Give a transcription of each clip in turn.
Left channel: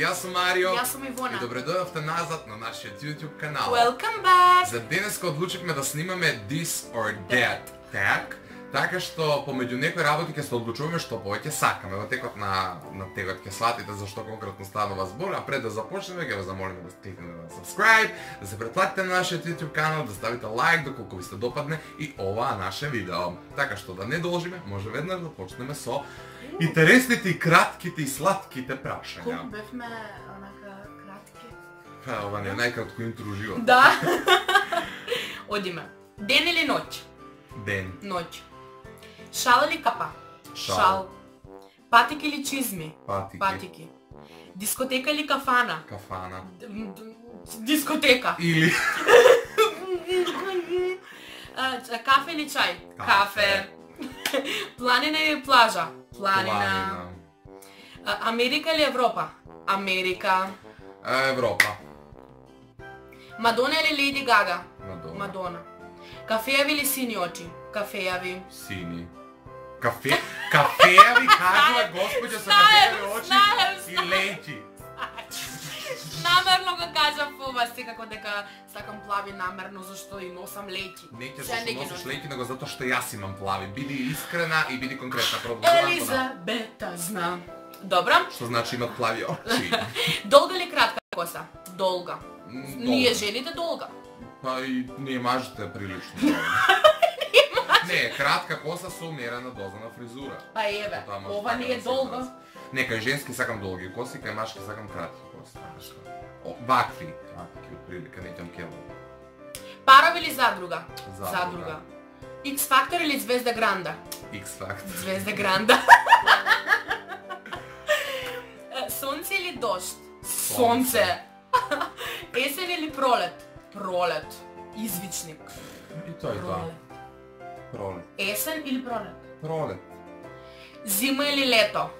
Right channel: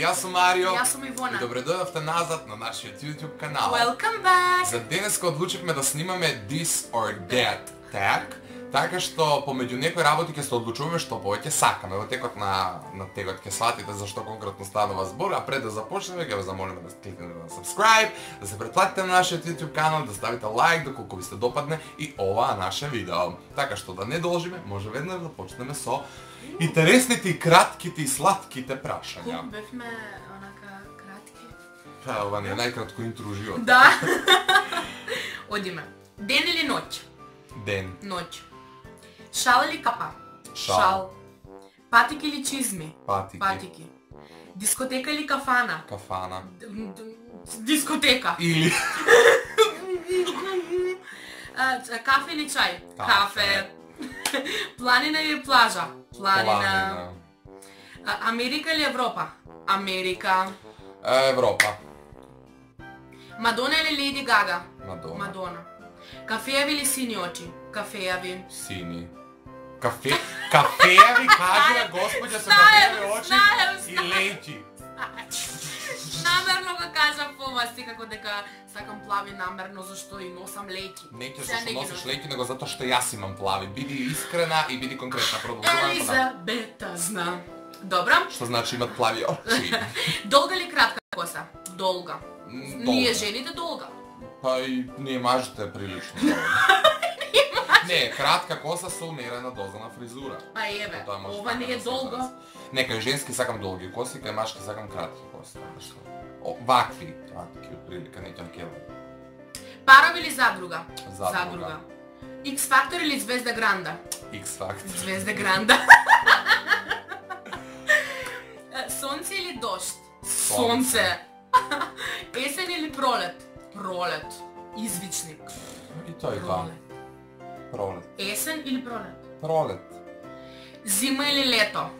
Јас сум Марио. Јас сум Ивона. И добре дојдовте назад на нашиот YouTube канал. Welcome back! За денеска одлучивме да снимаме This or That tag, така што помеѓу некои работи ќе се одлучуваме што повеќе сакаме. Во текот на тегот ќе сватите зашто конкретно станува збор, а пред да започнеме ќе ве замолиме да кликнете на subscribe, да се претплатите на нашиот YouTube канал, да ставите лайк доколку ви се допадне и оваа наше видео. Така што да не должиме, може веднаш да почнеме со интересните и кратките и сладките прашања. Колку бевме онака кратки? Ова не е најкратко интро у живот. Да. Одиме. Ден или ноќ? Ден. Ноќ. Шал или капа? Шал. Патики или чизми? Патики. Патики. Дискотека или кафана? Кафана. Дискотека. Или Кафе или чај? Кафе. Планина или плажа? Планина. Америка или Европа? Америка. Европа. Мадона или Леди Гага? Мадона. Мадона. Кафејави или сини очи? Кафејави. Сини. Кафејави кажува господја со кафејави очи и лејчи. Намерно го кажам по вас, како дека сакам плави намерно зашто и носам лејки. Не ќе зашто носиш лејки, него затоа што јас имам плави. Биди искрена и биди конкретна. Елизабета знам. Добро. Што значи имат плави очи? Долга или кратка коса? Долга. Ние жените долга. Па и ние мажите прилично. Не, кратка коса со умерена доза на фризура. Па еве, ова не е долго. Не, кај женски сакам долги коси, кај машки сакам кратки коси. Вакви, од прилика, не към кело. Паров или задруга? Задруга. X Factor или Звезда Гранда? X Factor. Звезда Гранда. Сонце или дожд? Сонце. Есен или пролет? Пролет. Извичник. И тоа и тоа. Пролет. Есен или пролет? Пролет. Зима или лето?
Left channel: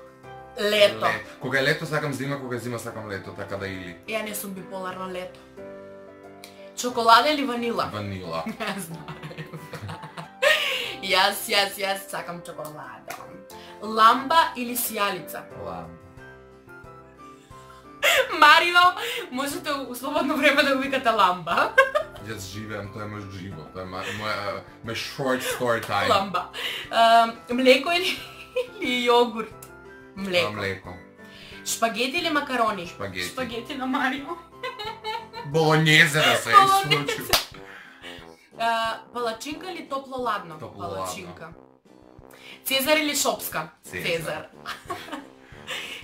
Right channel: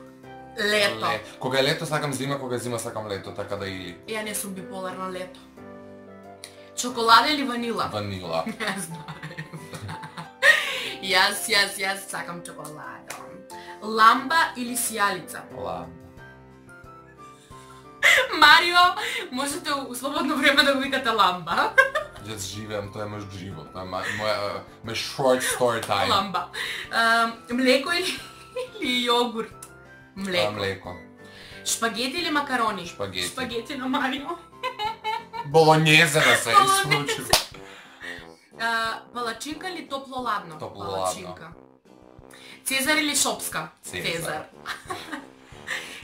Лето. Кога е лето сакам зима, кога е зима сакам лето, така да или. Ја не сум биполарна лето. Чоколада или ванила? Ванила. Не знам. Јас сакам чоколада. Ламба или сијалица? Ламба. Марио, можете у слободно време да го викате ламба. Јас живеам, тоа е мој живот, тоа е мој short story time. Ламба. Млеко или јогурт? Млеко. Млеко. Шпагети или макарони? Шпагети. Шпагети на Марио. Болонјезе да се исклучи. Палачинка или топло-ладно? Топло-ладно. Палачинка. Цезар или шопска? Цезар.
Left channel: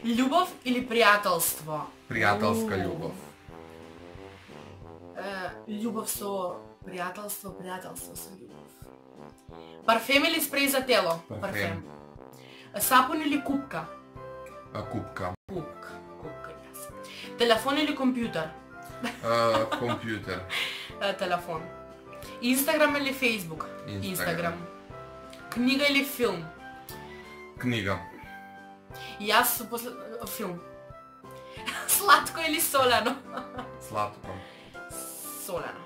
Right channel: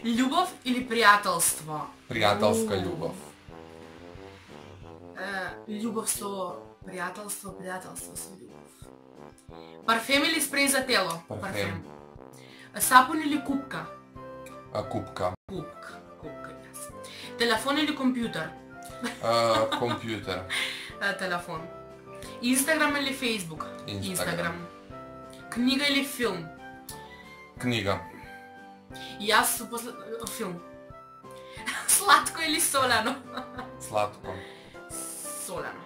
Љубов или пријателство? Пријателска љубов. Љубов со пријателство, пријателство со љубов. Парфем или спреј за тело? Парфем. Сапун или купка? Купка. Купка, јас. Телефон или компјутер? Компјутер. Телефон. Инстаграм или Фейсбук? Инстаграм. Книга или филм? Книга. Јас после филм. Сладко или солено? Сладко. Солено.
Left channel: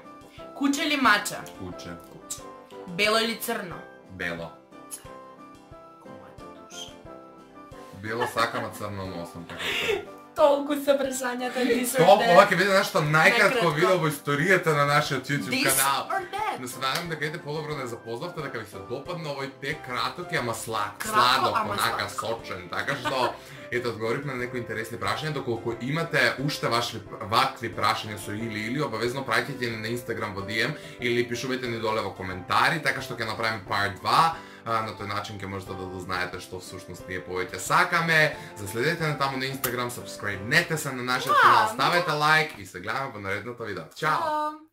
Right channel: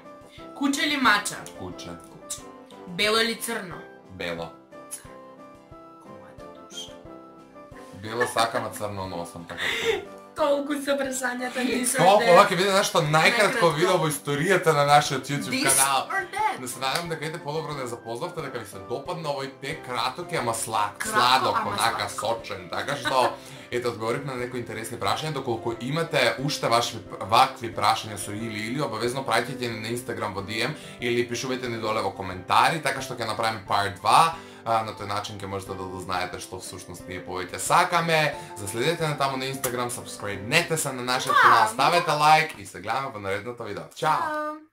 Куче или мача? Куче. Бело или црно? Бело. Мојата душа. Бело сакам, а црно носам, така. Толку се прашањата This or Толку, ова That. ќе биде нешто најкратко Најкратко. видео во историјата на нашиот YouTube This канал. or That. Да се надам дека ете подобро да ја запознавте, дека ви се допадна овој тек краток и ама Кратко, сладок, ама онака сладко. сочен, така што ете одговоривме на некои интересни прашања, доколку имате уште вакви прашања со или обавезно праќајте ни на Instagram во DM или пишувајте ни доле во коментари, така што ќе направиме part 2. На тој начин ќе можете да дознаете што всушност ние повеќе сакаме. Заследете на таму на Instagram, subscribe-нете се на нашиот канал, ставете лайк и се гледаме во наредното видео. Чао!